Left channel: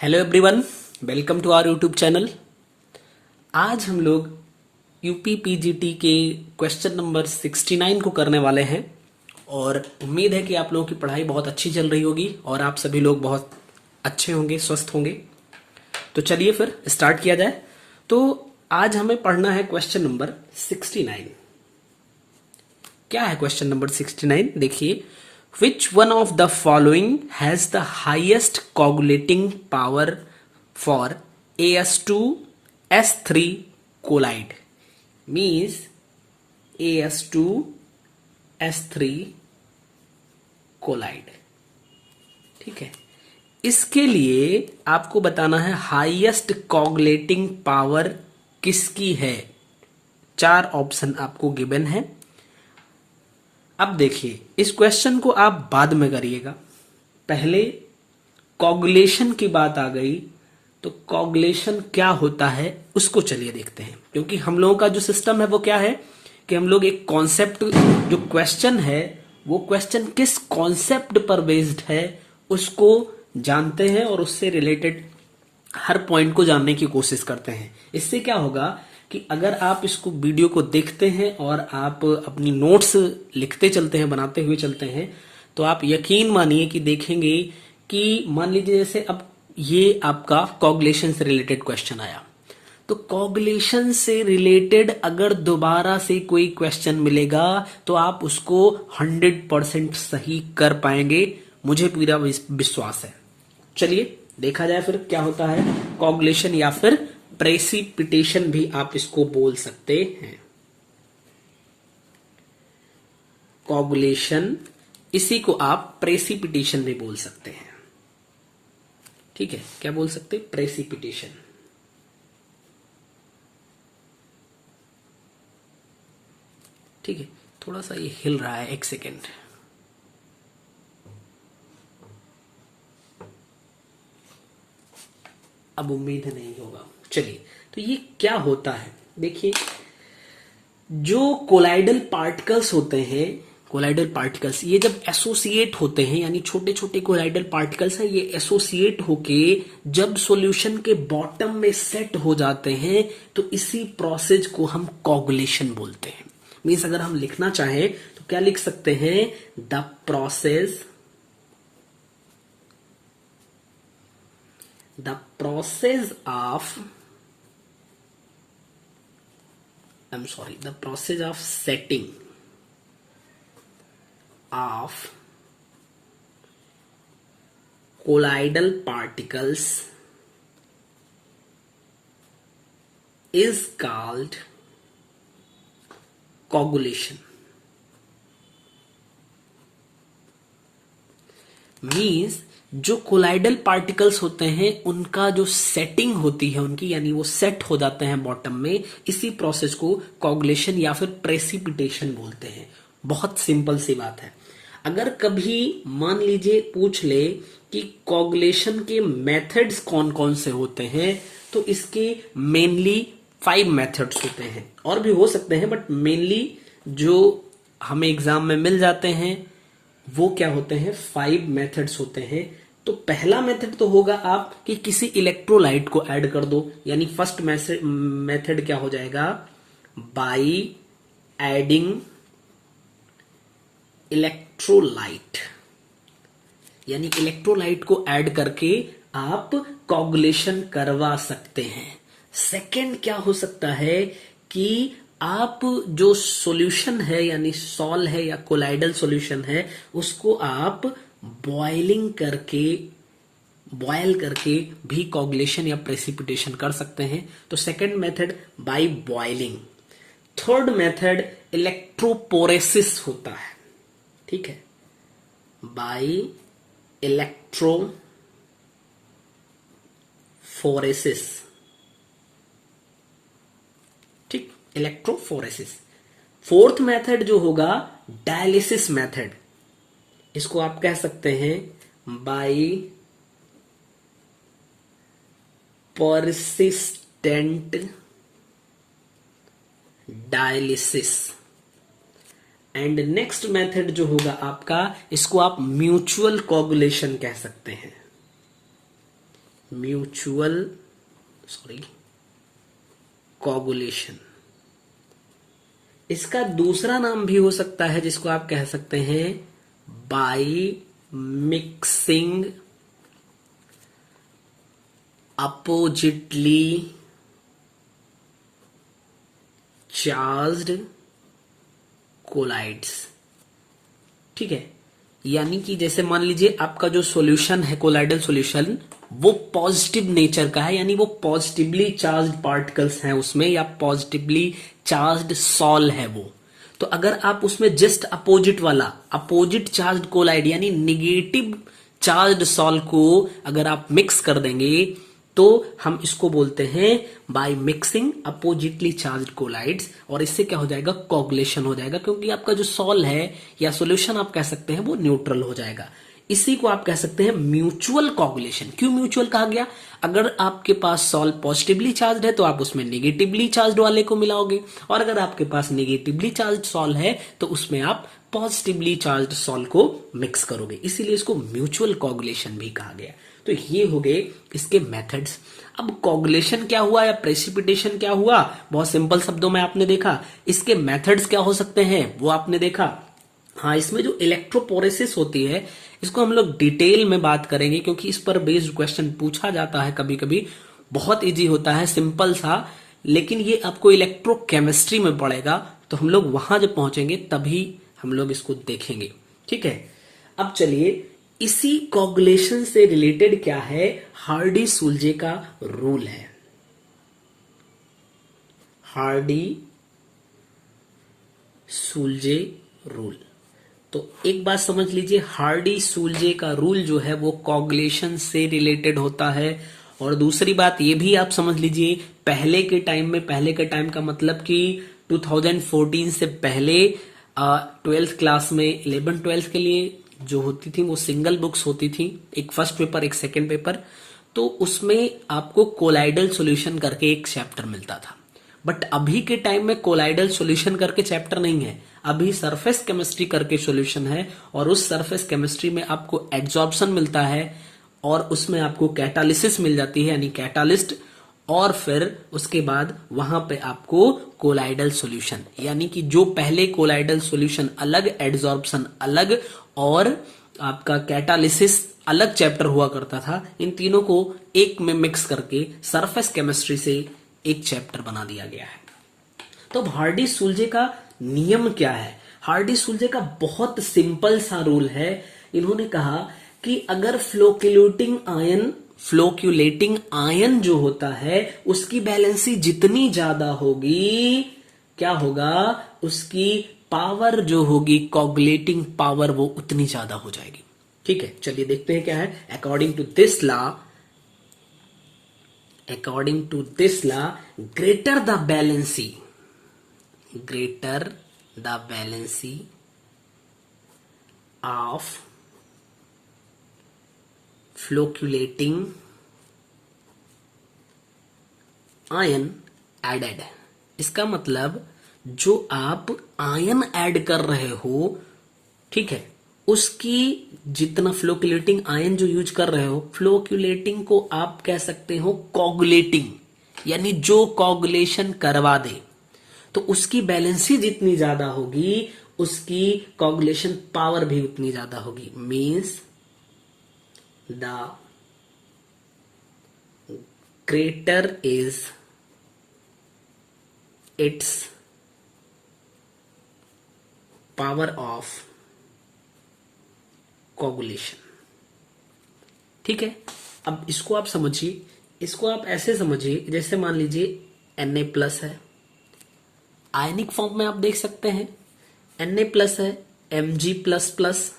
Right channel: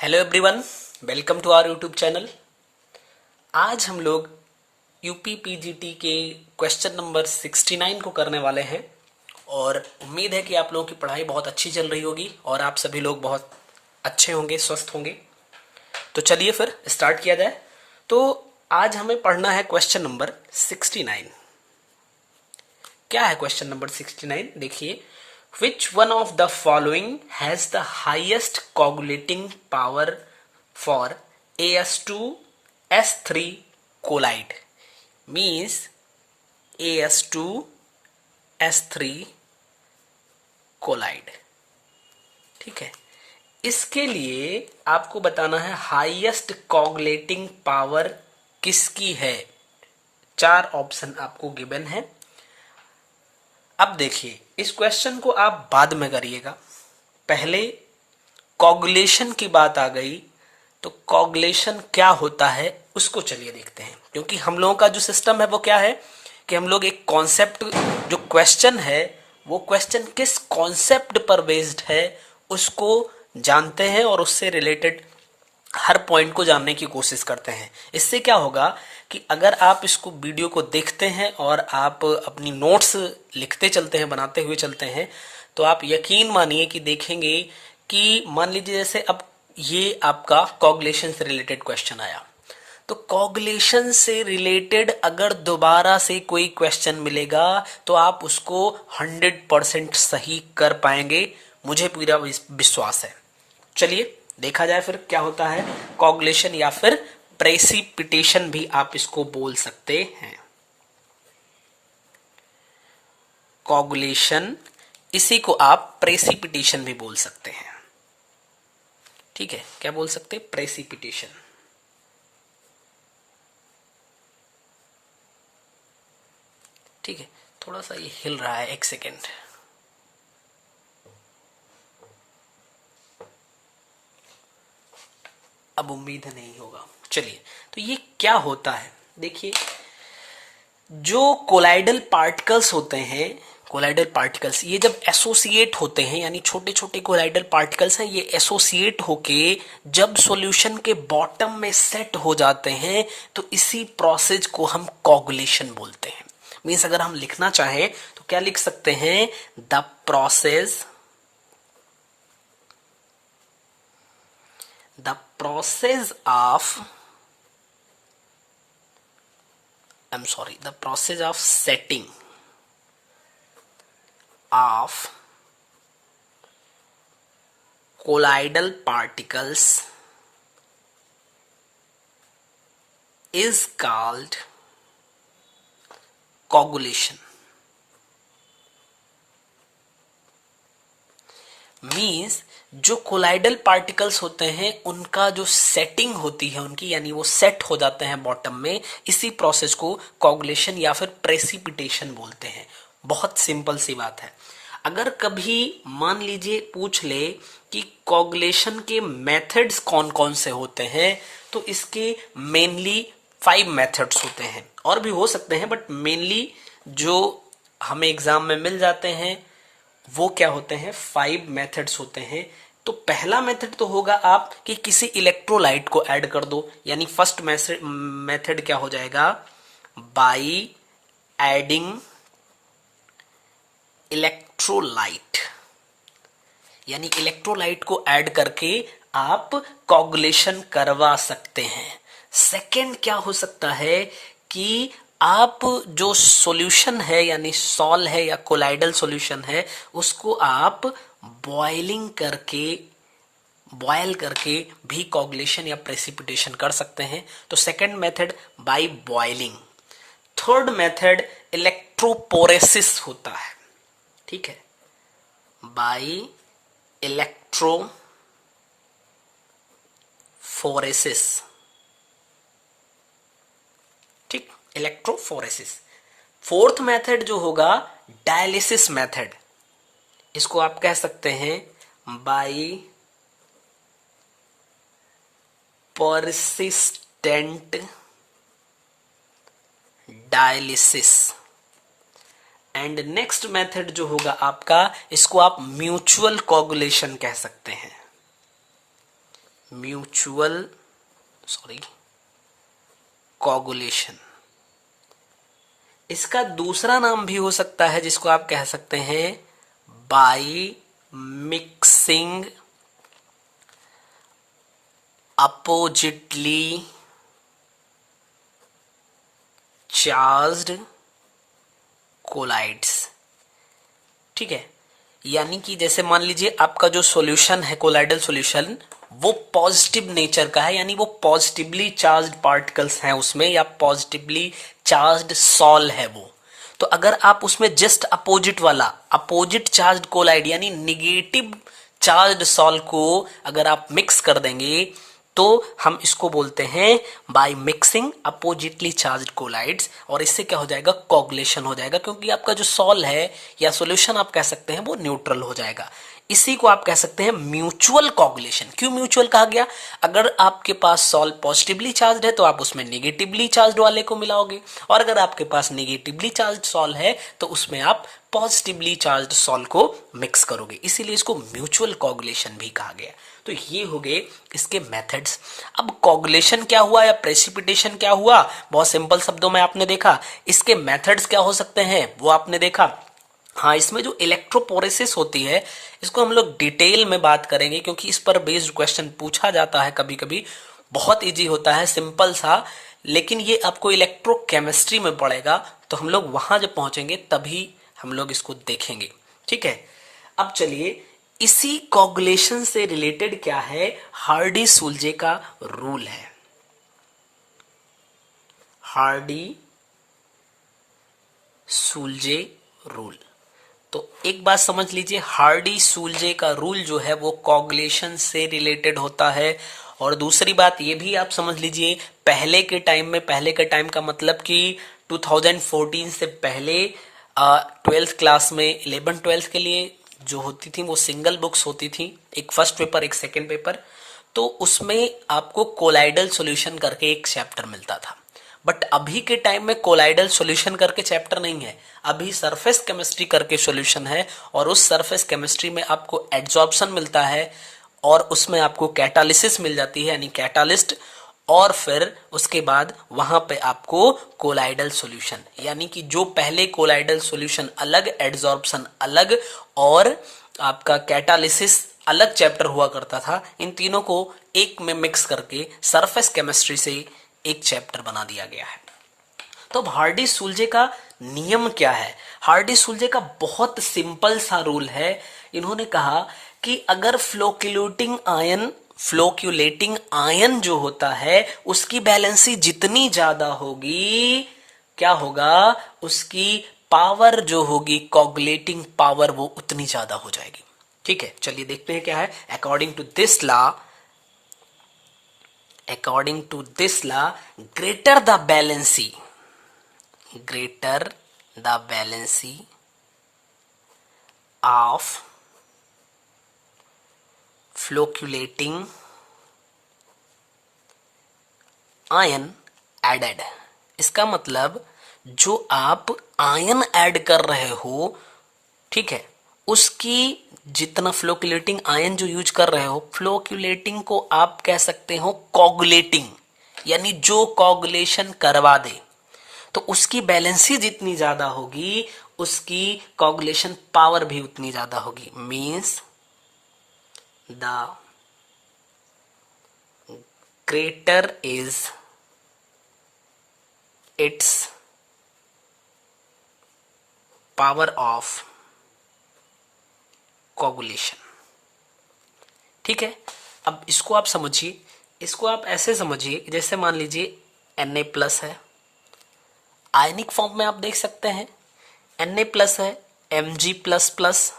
Hello everyone, welcome to our YouTube channel. आज हम लोग यूपी पीजीटी के क्वेश्चन नंबर 69 को करने वाले हैं और उम्मीद है कि आप लोगों की पढ़ाई बहुत अच्छी चल रही होगी और आप सभी लोग बहुत अच्छे होंगे, स्वस्थ होंगे। तो चलिए फिर स्टार्ट किया जाए। तो आज हमें पढ़ना है क्वेश्चन नंबर 69। क्या है क्वेश्चन नंबर 69? देखिए, which one of the following has the highest coagulating power for AS2 S3 collide? Means AS2 S3 collide। ठीक है, इसके लिए आपको बताना है हाईएस्ट कॉगुलेटिंग पावर किसकी है। 4 ऑप्शन आपको गिवन है। अब देखिए, इस क्वेश्चन को आप बाद में करिएगा। पहले कॉगुलेशन की बात आ गई तो कॉगुलेशन क्या होता है उसको चलिए देखते हैं। क्योंकि हम लोगों का जो सिस्टम है वो क्या है कि हम लोग एक कॉन्सेप्ट, जो क्वेश्चन है वो क्वेश्चन किस कॉन्सेप्ट पर बेस्ड है उसको जानते हैं और उससे रिलेटेड हर पॉइंट को जानने की कोशिश करते हैं। इससे क्या होगा कि अगर आप इसको वीडियो को देखते हैं और आप अपनी नोट्स लिखते चलते हैं, बनाते हुए चलते हैं, तो आप यकीन मानिए कि देखेंगे कि मान लीजिए जैसे अब ये आपका कॉगुलेशन से रिलेटेड क्वेश्चन आया, तो कॉगुलेशन से रिलेटेड अगर दोबारा से कोई क्वेश्चन मिलेगा तो आप उसको 100% सही कर पाएंगे, मुझे पूरा विश्वास है। चलिए देखा जाए फिर क्या होता है कॉगुलेशन, या फिर प्रेसिपिटेशन भी आप इसको बोल सकते हैं। कॉगुलेशन, इसी को आप प्रेसिपिटेशन भी बोल सकते हैं। ठीक है, क्या बोल सकते हैं? प्रेसिपिटेशन। ठीक है, थोड़ा सा ये हिल रहा है, एक सेकेंड। अब उम्मीद है नहीं होगा। चलिए, तो ये क्या होता है? देखिए, जो कोलाइडल पार्टिकल्स होते हैं, कोलाइडल पार्टिकल्स ये जब एसोसिएट होते हैं, यानी छोटे छोटे कोलाइडल पार्टिकल्स हैं, ये एसोसिएट होके जब सॉल्यूशन के बॉटम में सेट हो जाते हैं तो इसी प्रोसेस को हम कॉगुलेशन बोलते हैं। मीन्स अगर हम लिखना चाहें तो क्या लिख सकते हैं? The process of setting of colloidal particles is called coagulation। Means जो कोलाइडल पार्टिकल्स होते हैं उनका जो सेटिंग होती है उनकी, यानी वो सेट हो जाते हैं बॉटम में, इसी प्रोसेस को कॉगुलेशन या फिर प्रेसिपिटेशन बोलते हैं। बहुत सिंपल सी बात है। अगर कभी मान लीजिए पूछ ले कि कॉगुलेशन के मेथड्स कौन कौन से होते हैं, तो इसके मेनली 5 मेथड्स होते हैं, और भी हो सकते हैं, बट मेनली जो हमें एग्जाम में मिल जाते हैं वो क्या होते हैं? 5 मेथड्स होते हैं। तो पहला मेथड तो होगा आप कि किसी इलेक्ट्रोलाइट को ऐड कर दो, यानी फर्स्ट मेथड क्या हो जाएगा? बाय एडिंग इलेक्ट्रोलाइट, यानी इलेक्ट्रोलाइट को ऐड करके आप कॉगुलेशन करवा सकते हैं। सेकंड क्या हो सकता है कि आप जो सॉल्यूशन है, यानी सॉल है या कोलाइडल सॉल्यूशन है, उसको आप बॉयल करके भी कॉगुलेशन या प्रेसिपिटेशन कर सकते हैं। तो second method by boiling. Third method electrophoresis होता है। ठीक है, बाय इलेक्ट्रोफोरेसिस। ठीक, इलेक्ट्रोफोरेसिस। फोर्थ मेथड जो होगा डायलिसिस मेथड, इसको आप कह सकते हैं by persistent dialysis. And next method जो होगा आपका, इसको आप म्यूचुअल कोगुलेशन कह सकते हैं। Mutual coagulation. इसका दूसरा नाम भी हो सकता है जिसको आप कह सकते हैं by mixing oppositely charged colloids. ठीक है, यानी कि जैसे मान लीजिए आपका जो सॉल्यूशन है कोलाइडल सॉल्यूशन वो पॉजिटिव नेचर का है, यानी वो पॉजिटिवली चार्ज्ड पार्टिकल्स हैं उसमें, या पॉजिटिवली चार्ज्ड सॉल है वो। तो अगर आप उसमें जस्ट अपोजिट वाला अपोजिट चार्ज्ड कोलाइड यानी निगेटिव चार्ज्ड सॉल को अगर आप मिक्स कर देंगे तो हम इसको बोलते हैं by mixing oppositely charged colloids, और इससे क्या हो जाएगा, कोगुलेशन हो जाएगा, क्योंकि आपका जो सॉल है या सॉल्यूशन आप कह सकते हैं वो न्यूट्रल हो जाएगा। इसी को आप कह सकते हैं म्यूचुअल कोगुलेशन। क्यों म्यूचुअल कहा गया? अगर आपके पास सॉल पॉजिटिवली चार्ज्ड है तो आप उसमें नेगेटिवली चार्ज्ड वाले को मिलाओगे, और अगर आपके पास नेगेटिवली चार्ज्ड सॉल है तो उसमें आप पॉजिटिवली चार्ज्ड सॉल को मिक्स करोगे, इसीलिए इसको म्यूचुअल कोगुलेशन भी कहा गया। तो ये हो गए इसके मेथड्स। अब कोगुलेशन क्या हुआ या प्रेसिपिटेशन क्या हुआ, बहुत सिंपल शब्दों में आपने देखा। इसके मेथड्स क्या हो सकते हैं वो आपने देखा। हाँ, इसमें जो इलेक्ट्रोपोरेसिस होती है इसको हम लोग डिटेल में बात करेंगे, क्योंकि इस पर बेस्ड क्वेश्चन पूछा जाता है कभी कभी। बहुत इजी होता है, सिंपल सा, लेकिन ये आपको इलेक्ट्रोकेमिस्ट्री में पड़ेगा, तो हम लोग वहां जब पहुंचेंगे तभी हम लोग इसको देखेंगे। ठीक है, अब चलिए इसी कोगुलेशन से रिलेटेड क्या है, हार्डी सुलजे का रूल है। हार्डी सुलजे रूल, तो एक बात समझ लीजिए, हार्डी सुलजे का रूल जो है वो कोगुलेशन से रिलेटेड होता है। और दूसरी बात ये भी आप समझ लीजिए, पहले के टाइम का मतलब कि 2014 से पहले 12th क्लास में 11-12 के लिए जो होती थी वो सिंगल बुक्स होती थी, एक फर्स्ट पेपर एक सेकेंड पेपर, तो उसमें आपको कोलाइडल सॉल्यूशन करके एक चैप्टर मिलता था। बट अभी के टाइम में कोलाइडल सॉल्यूशन करके चैप्टर नहीं है, अभी सरफेस केमिस्ट्री करके सॉल्यूशन है, और उस सरफेस केमिस्ट्री में आपको एड्सॉर्प्शन मिलता है, और उसमें आपको कैटालिसिस मिल जाती है यानी कैटालिस्ट, और फिर उसके बाद वहां पे आपको कोलाइडल सॉल्यूशन, यानी कि जो पहले कोलाइडल सॉल्यूशन अलग, एड्सॉर्प्शन अलग और आपका कैटालिसिस अलग चैप्टर हुआ करता था, इन तीनों को एक में मिक्स करके सरफेस केमिस्ट्री से एक चैप्टर बना दिया गया है। तो हार्डी सुलजे का नियम क्या है? हार्डी सुलजे का बहुत सिंपल सा रूल है। इन्होंने कहा कि अगर फ्लोक्यूलेटिंग आयन जो होता है उसकी बैलेंसी जितनी ज्यादा होगी, क्या होगा, उसकी पावर जो होगी, कोगुलेटिंग पावर, वो उतनी ज्यादा हो जाएगी। ठीक है, चलिए देखते हैं क्या है। According to this law greater the valency of flocculating ion added, इसका मतलब जो आप आयन ऐड कर रहे हो, ठीक है, उसकी जितना फ्लोक्यूलेटिंग आयन जो यूज कर रहे हो, फ्लोक्यूलेटिंग को आप कह सकते हो कोगुलेटिंग, यानी जो कोगुलेशन करवा दे, तो उसकी बैलेंसी जितनी ज्यादा होगी उसकी कोगुलेशन पावर भी उतनी ज्यादा होगी। Means the greater is it's power of coagulation. ठीक है, अब इसको आप समझिए, इसको आप ऐसे समझिए, जैसे मान लीजिए Na+ है, आयनिक फॉर्म में आप देख सकते हैं Na+ है, Mg++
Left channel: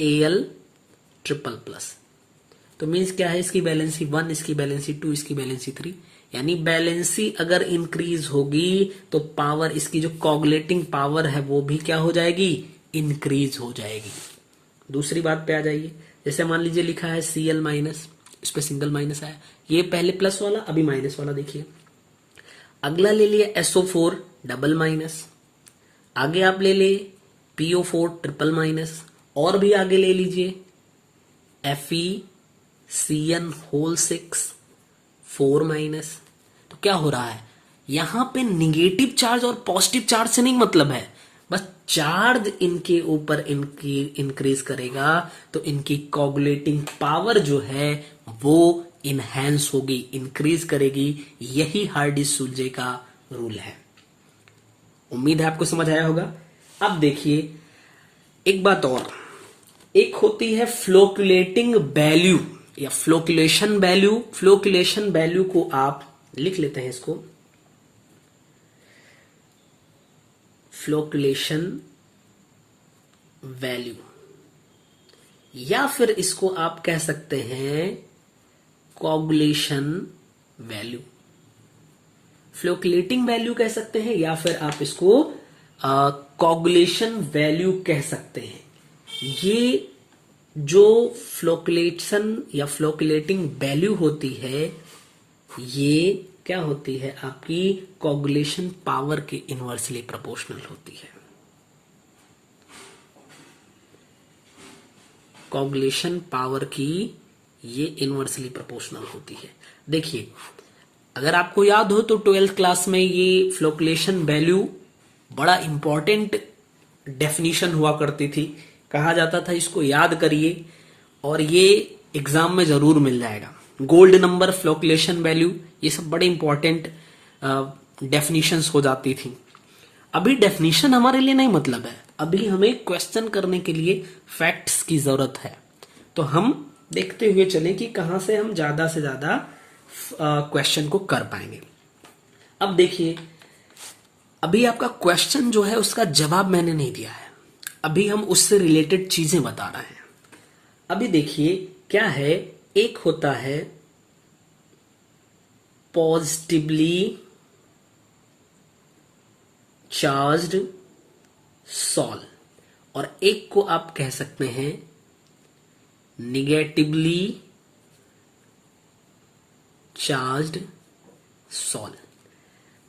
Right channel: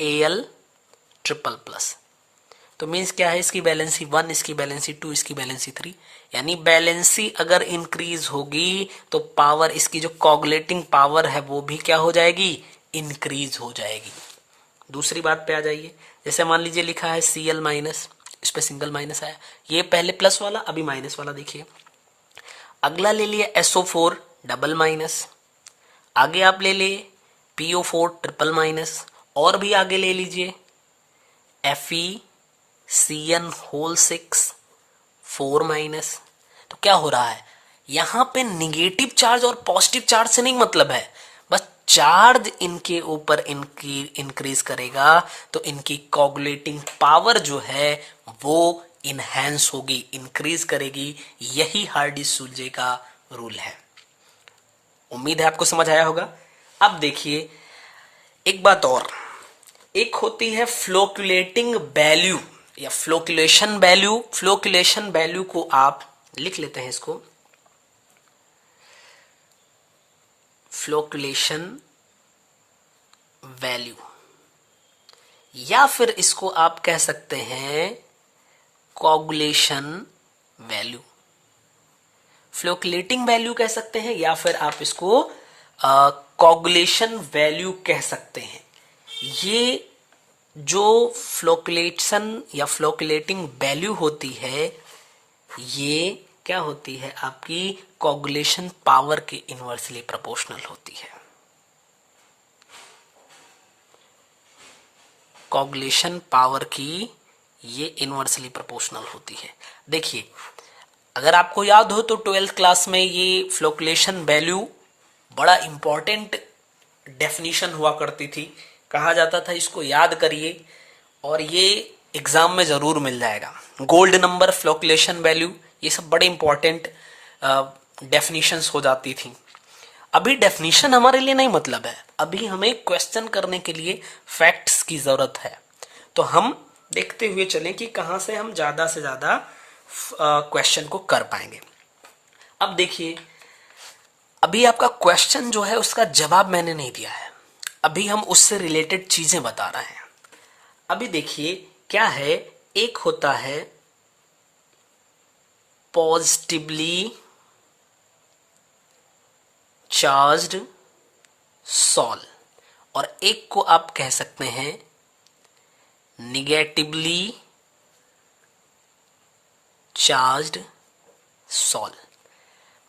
Al++, तो मीन्स क्या है, इसकी बैलेंसी 1, इसकी बैलेंसी 2, इसकी बैलेंसी 3, यानी बैलेंसी अगर इंक्रीज होगी तो पावर, इसकी जो कोगुलेटिंग पावर है वो भी क्या हो जाएगी, इंक्रीज हो जाएगी। दूसरी बात पे आ जाइए, जैसे मान लीजिए लिखा है Cl-, इस पे सिंगल माइनस आया, ये पहले प्लस वाला अभी माइनस वाला, देखिए अगला ले लिए SO4 डबल-, आगे आप ले लिए PO4 ट्रिपल-, और भी आगे ले लीजिए Cn6 4 माइनस। तो क्या हो रहा है, यहां पे निगेटिव चार्ज और पॉजिटिव चार्ज से नहीं मतलब है, बस चार्ज इनके ऊपर इनकी इंक्रीज करेगा तो इनकी कोगुलेटिंग पावर जो है वो इनहेंस होगी, इंक्रीज करेगी। यही हार्डी-सुलजे का रूल है। उम्मीद है आपको समझ आया होगा। अब देखिए एक बात और, एक होती है फ्लोक्युलेटिंग वैल्यू या फ्लोक्युलेशन वैल्यू। फ्लोक्युलेशन वैल्यू को आप लिख लेते हैं, इसको फ्लोक्युलेशन वैल्यू, या फिर इसको आप कह सकते हैं कोगुलेशन वैल्यू। फ्लोक्युलेटिंग वैल्यू कह सकते हैं या फिर आप इसको कोगुलेशन वैल्यू कह सकते हैं। ये जो फ्लोक्युलेशन या फ्लोक्युलेटिंग वैल्यू होती है, ये क्या होती है, आपकी कोगुलेशन पावर के इनवर्सली प्रोपोर्शनल होती है। कोगुलेशन पावर की ये इनवर्सली प्रोपोर्शनल होती है। देखिए अगर आपको याद हो तो 12th क्लास में ये फ्लोक्युलेशन वैल्यू बड़ा इंपॉर्टेंट डेफिनेशन हुआ करती थी, कहा जाता था इसको याद करिए और ये एग्जाम में जरूर मिल जाएगा। गोल्ड नंबर, फ्लोक्युलेशन वैल्यू, ये सब बड़े इंपॉर्टेंट डेफिनेशंस हो जाती थी। अभी डेफिनेशन हमारे लिए नहीं मतलब है, अभी हमें क्वेश्चन करने के लिए फैक्ट्स की जरूरत है। तो हम देखते हुए चलें कि कहां से हम ज्यादा से ज्यादा क्वेश्चन को कर पाएंगे। अब देखिए अभी आपका क्वेश्चन जो है उसका जवाब मैंने नहीं दिया है, अभी हम उससे रिलेटेड चीजें बता रहे हैं। अभी देखिए क्या है, एक होता है पॉजिटिवली चार्ज्ड सॉल और एक को आप कह सकते हैं निगेटिवली चार्ज्ड सॉल।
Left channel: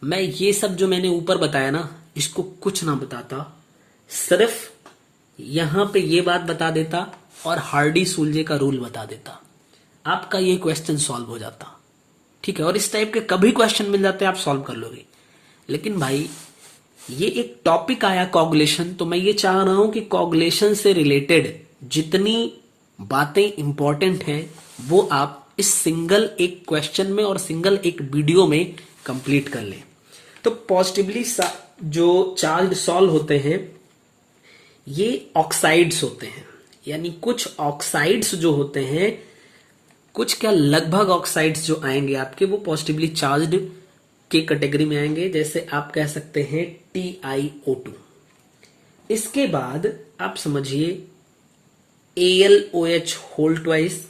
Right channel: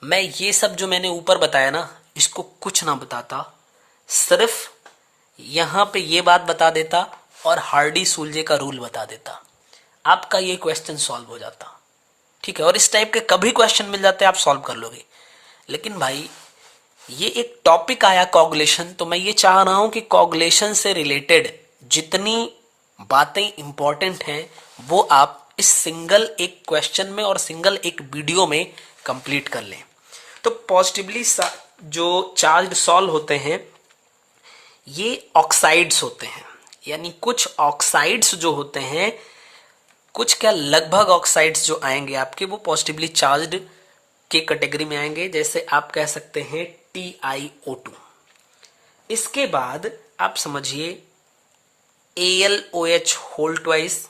मैं ये सब जो मैंने ऊपर बताया ना, इसको कुछ ना बताता, सिर्फ यहां पे ये बात बता देता और हार्डी-सुलजे का रूल बता देता, आपका ये क्वेश्चन सॉल्व हो जाता। ठीक है, और इस टाइप के कभी क्वेश्चन मिल जाते हैं आप सॉल्व कर लोगे। लेकिन भाई ये एक टॉपिक आया कोगुलेशन, तो मैं ये चाह रहा हूं कि कोगुलेशन से रिलेटेड जितनी बातें इंपॉर्टेंट हैं वो आप इस सिंगल एक क्वेश्चन में और सिंगल एक वीडियो में कंप्लीट कर लें। तो पॉजिटिवली जो चार्ज सॉल्व होते हैं ये ऑक्साइड्स होते हैं, यानी कुछ ऑक्साइड्स जो होते हैं, कुछ क्या लगभग ऑक्साइड्स जो आएंगे आपके वो पॉजिटिवली चार्ज्ड के कैटेगरी में आएंगे। जैसे आप कह सकते हैं TiO2। इसके बाद आप समझिए AlOH होल ट्वाइस,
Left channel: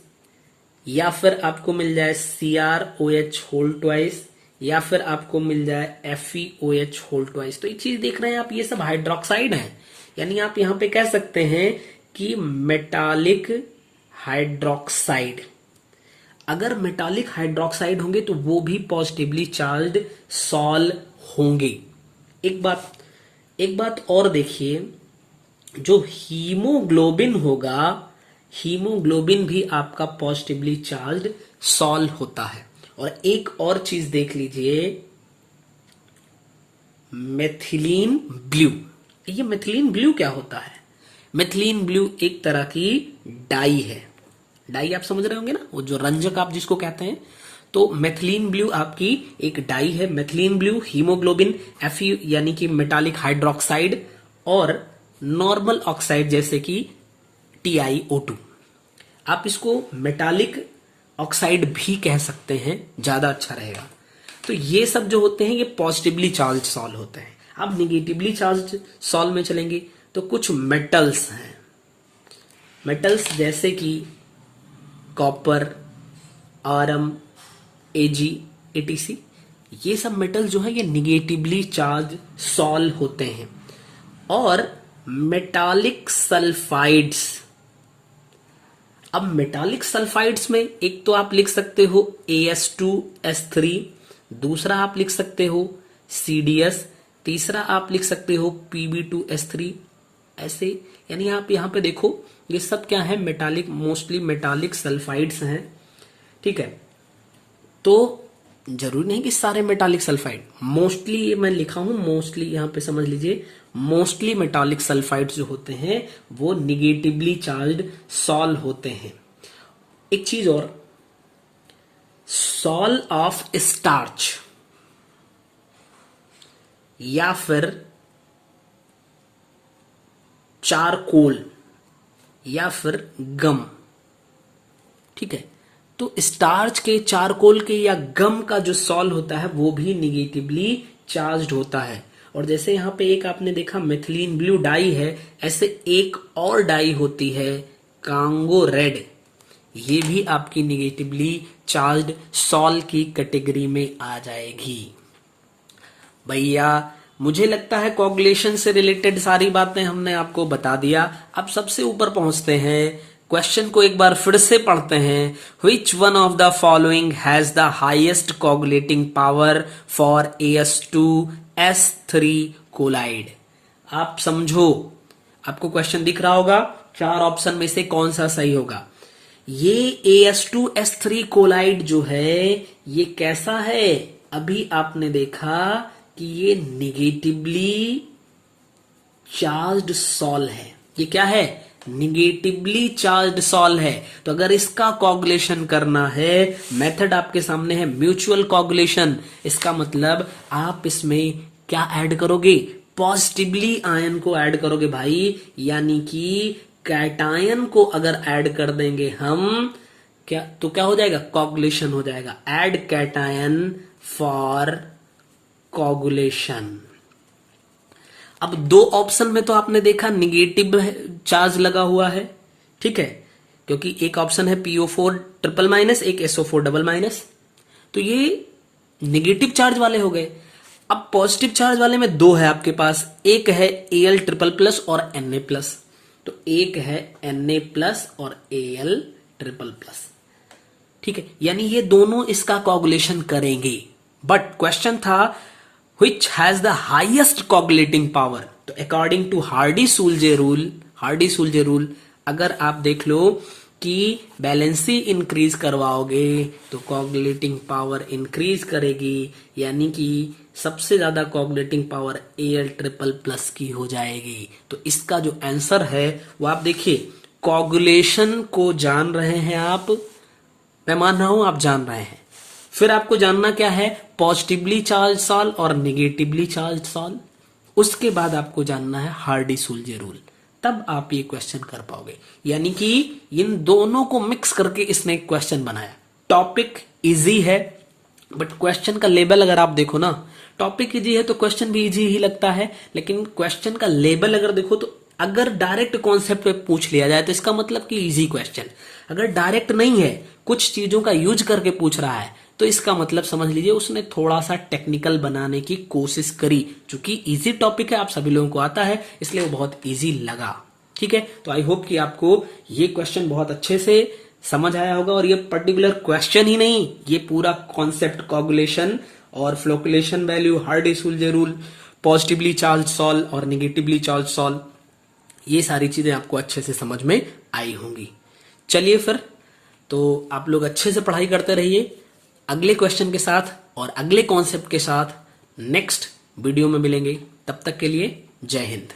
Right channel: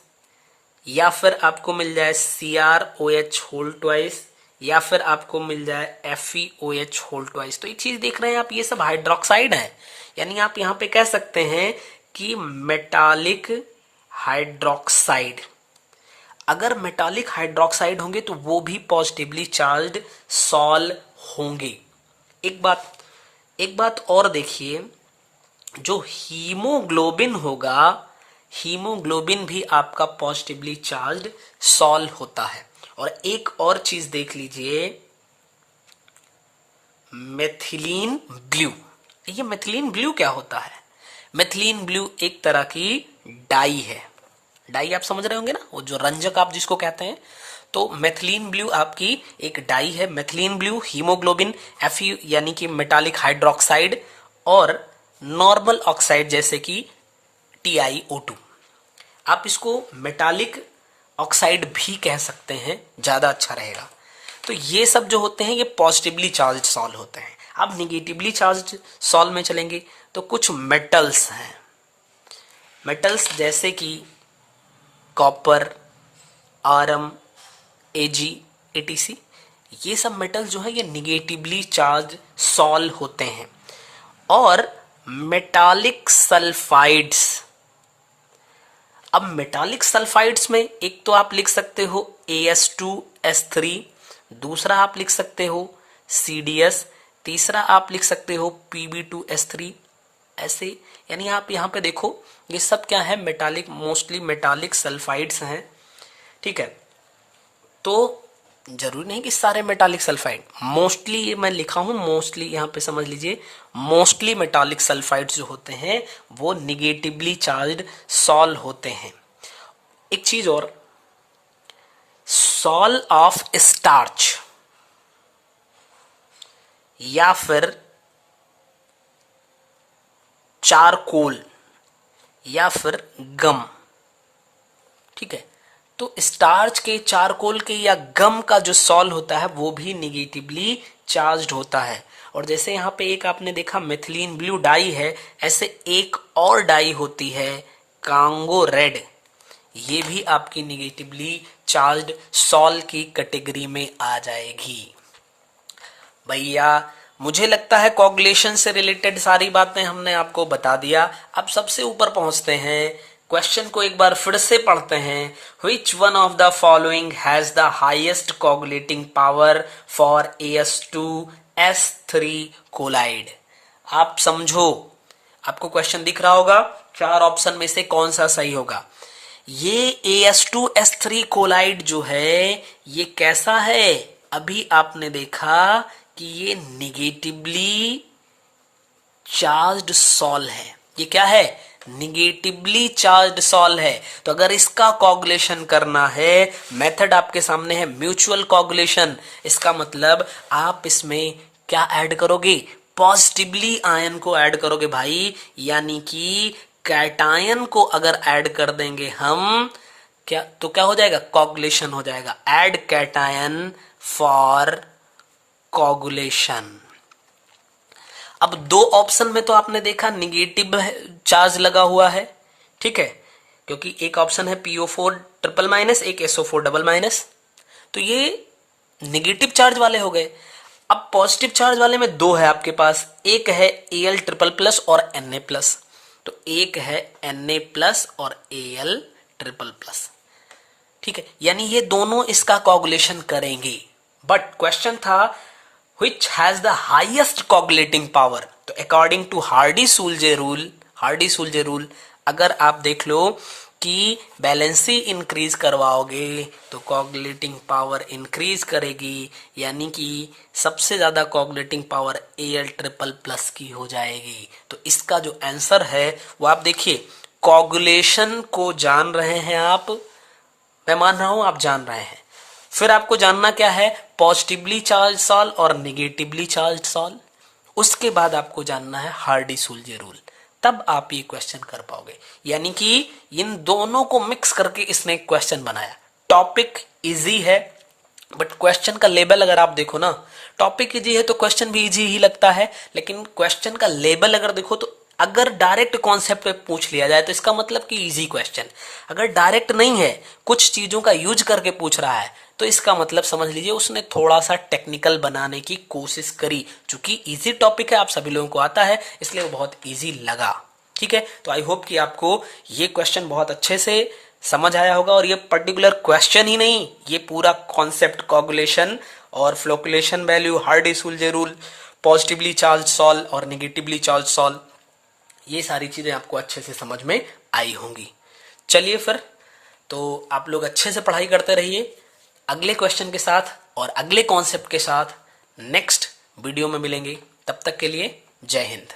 या फिर आपको मिल जाए CrOH होल ट्वाइस, या फिर आपको मिल जाए FeOH होल ट्वाइस। तो ये चीज देख रहे हैं आप, ये सब हाइड्रोक्साइड है, यानी आप यहां पे कह सकते हैं कि मेटालिक हाइड्रोक्साइड। अगर मेटालिक हाइड्रोक्साइड होंगे तो वो भी पॉजिटिवली चार्ज्ड सॉल होंगे। एक बात और देखिए, जो हीमोग्लोबिन होगा, हीमोग्लोबिन भी आपका पॉजिटिवली चार्ज्ड सॉल होता है। और एक और चीज देख लीजिए, मेथिलीन ब्लू। ये मेथिलीन ब्लू क्या होता है? मेथिलीन ब्लू एक तरह की डाई है। डाई आप समझ रहे होंगे ना, वो जो रंजक आप जिसको कहते हैं। तो मेथिलीन ब्लू आपकी एक डाई है। मेथिलीन ब्लू, हीमोग्लोबिन, Fe यानी कि मेटालिक हाइड्रोक्साइड, और नॉर्मल ऑक्साइड जैसे कि TiO2। आप इसको मेटालिक ऑक्साइड भी कह सकते हैं, ज्यादा अच्छा रहेगा। तो ये सब जो होते हैं ये पॉजिटिवली चार्ज सॉल्व होते हैं। अब निगेटिवली चार्ज सॉल्व में चलेंगे तो कुछ मेटल्स हैं। मेटल्स जैसे कि कॉपर, आयरन, Ag, etc, ये सब मेटल जो है ये निगेटिवली चार्ज सॉल्व होते हैं। और मेटालिक सल्फाइड्स, अब मेटालिक सल्फाइड्स में एक तो आप लिख सकते हो AS2S3, दूसरा आप लिख सकते हो CDS, तीसरा आप लिख सकते हो Pb2S3, ऐसे। यानी आप यहाँ पे देखो ये सब क्या है, मेटालिक, मोस्टली मेटालिक सल्फाइड्स हैं। ठीक है, तो जरूरी नहीं कि सारे मेटालिक सल्फाइड, मोस्टली ये मैं लिखा हूं, मोस्टली यहां पे समझ लीजिए, मोस्टली मेटालिक सल्फाइड्स जो होते हैं वो निगेटिवली चार्ज्ड सॉल होते हैं। एक चीज और, सॉल ऑफ स्टार्च या फिर चारकोल या फिर गम, ठीक है, तो स्टार्च के, चारकोल के या गम का जो सॉल होता है वो भी निगेटिवली चार्ज्ड होता है। और जैसे यहां पे एक आपने देखा मिथिलीन ब्लू डाई है, ऐसे एक और डाई होती है कांगो रेड, ये भी आपकी निगेटिवली चार्ज्ड सॉल की कैटेगरी में आ जाएगी। भैया मुझे लगता है कोगुलेशन से रिलेटेड सारी बातें हमने आपको बता दिया। अब सबसे ऊपर पहुंचते हैं, क्वेश्चन को एक बार फिर से पढ़ते हैं। Which one of the following has the highest coagulating power for AS2S3 colloid? आप समझो, आपको क्वेश्चन दिख रहा होगा, 4 ऑप्शन में से कौन सा सही होगा। ये AS2S3 कोलाइड जो है ये कैसा है, अभी आपने देखा कि ये निगेटिवली चार्ज्ड सॉल है। ये क्या है, निगेटिवली चार्ज्ड सॉल है। तो अगर इसका कोगुलेशन करना है, मेथड आपके सामने है म्यूचुअल कोगुलेशन। इसका मतलब आप इसमें क्या ऐड करोगे, पॉजिटिवली आयन को ऐड करोगे भाई, यानी कि कैटायन को अगर ऐड कर देंगे हम, क्या तो क्या हो जाएगा, कोगुलेशन हो जाएगा। Add cation for coagulation. अब 2 ऑप्शन में तो आपने देखा निगेटिव चार्ज लगा हुआ है, ठीक है, क्योंकि एक ऑप्शन है PO4 ट्रिपल माइनस, एक SO4 डबल माइनस, तो ये निगेटिव चार्ज वाले हो गए। अब पॉजिटिव चार्ज वाले में 2 है आपके पास, एक है Al ट्रिपल प्लस और Na प्लस, तो एक है Na प्लस और Al ट्रिपल प्लस, ठीक है, यानी ये दोनों इसका कोगुलेशन करेंगे। बट क्वेश्चन था which has the highest coagulating power, तो अकॉर्डिंग टू हार्डी-सूल्जे रूल, अगर आप देख लो कि बैलेंसी इंक्रीज करवाओगे तो कोगुलेटिंग पावर इंक्रीज करेगी, यानी कि सबसे ज्यादा coagulating power Al triple plus की हो जाएगी। तो इसका जो आंसर है वो आप देखिए, कोगुलेशन को जान रहे हैं आप, मैं मान रहा हूं आप जान रहे हैं, फिर आपको जानना क्या है, पॉजिटिवली चार्ज सॉल और निगेटिवली चार्ज सॉल, उसके बाद आपको जानना है हार्डी-सूल्जे रूल, तब आप ये क्वेश्चन कर पाओगे। यानी कि इन दोनों को मिक्स करके इसने एक क्वेश्चन बनाया। टॉपिक इजी है, बट क्वेश्चन का लेवल अगर आप देखो ना, टॉपिक इजी है तो क्वेश्चन भी इजी ही लगता है, लेकिन क्वेश्चन का लेवल अगर देखो तो अगर डायरेक्ट कॉन्सेप्ट पे पूछ लिया जाए तो इसका मतलब कि इजी क्वेश्चन, अगर डायरेक्ट नहीं है, कुछ चीजों का यूज करके पूछ रहा है, तो इसका मतलब समझ लीजिए उसने थोड़ा सा टेक्निकल बनाने की कोशिश करी। चूंकि इजी टॉपिक है, आप सभी लोगों को आता है, इसलिए वो बहुत इजी लगा, ठीक है। तो आई होप कि आपको ये क्वेश्चन बहुत अच्छे से समझ आया होगा, और ये पर्टिकुलर क्वेश्चन ही नहीं, ये पूरा कॉन्सेप्ट कोगुलेशन और flocculation value, Hardy Schulze rule, positively charge sol और निगेटिवली चार्ज सॉल, ये सारी चीजें आपको अच्छे से समझ में आई होंगी। चलिए फिर, तो आप लोग अच्छे से पढ़ाई करते रहिए। अगले क्वेश्चन के साथ और अगले कॉन्सेप्ट के साथ नेक्स्ट वीडियो में मिलेंगे। तब तक के लिए जय हिंद।